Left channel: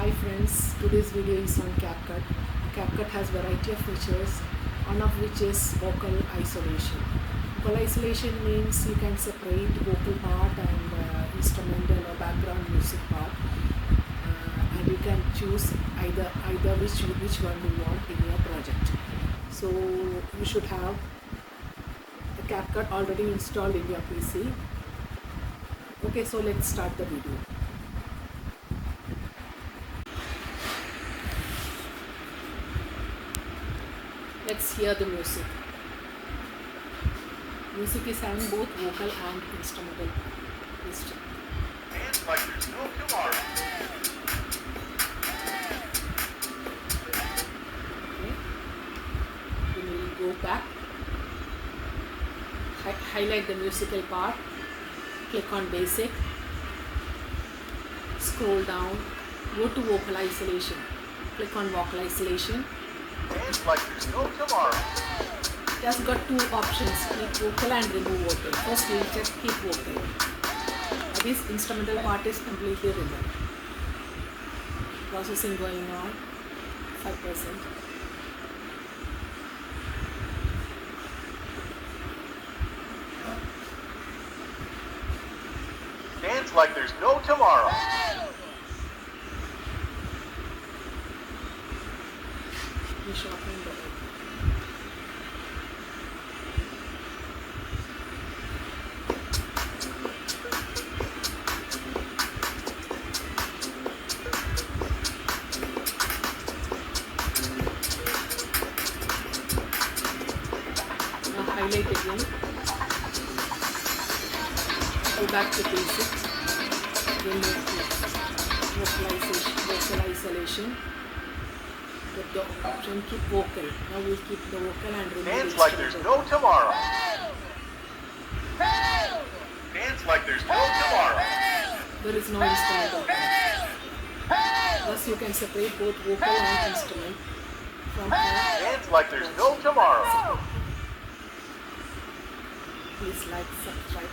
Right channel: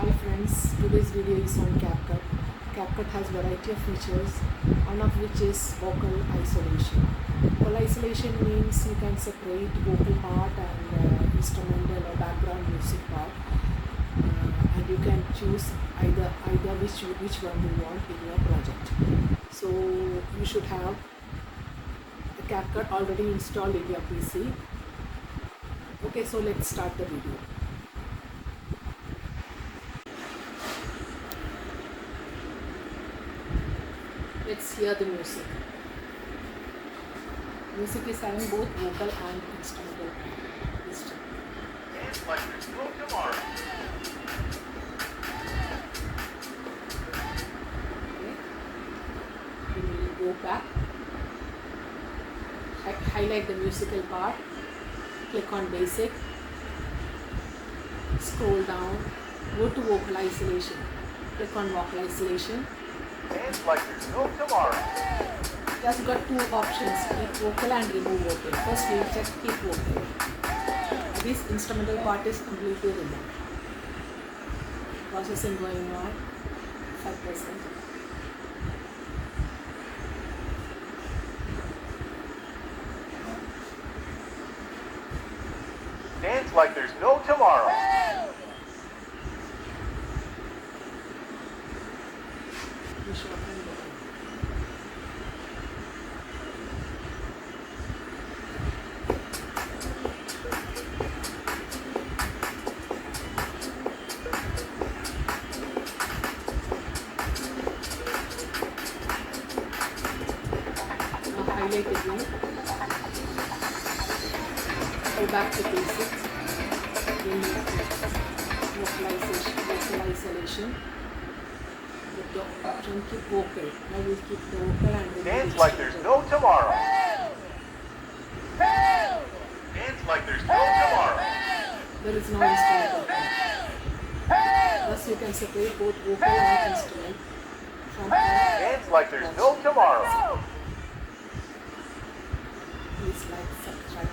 Hi friends, today's video is on Capcut. Capcut has variety of features, one of which is vocal isolation. Vocal isolation means you can separate vocal part and instrumental or background music part, and you can choose either which one you want in your project. So you should have the Capcut already installed in your PC. Okay, so let's start the video. Let's hear the music. Music is having both vocal and instrumental. Let's check. Okay. We will go back. Highlight the musical part. Click on basic. Scroll down. Go to vocal isolation. Click on vocal isolation. Dance like there's no tomorrow. It has got two options, keep vocal and remove vocal. First we will check keep vocal. This instrumental part is completely removed. Processing going on, 5%. Dance like there's no tomorrow. We shorten the now highlight again. Go back to basic. Again vocal isolation. Get the option keep vocal. Now we'll keep the vocal and remove Dance like there's no tomorrow. Dance like there's no tomorrow. There is no instrumental part. Thus you can separate both vocal and instrument from Dance like there's no tomorrow. Please like, subscribe.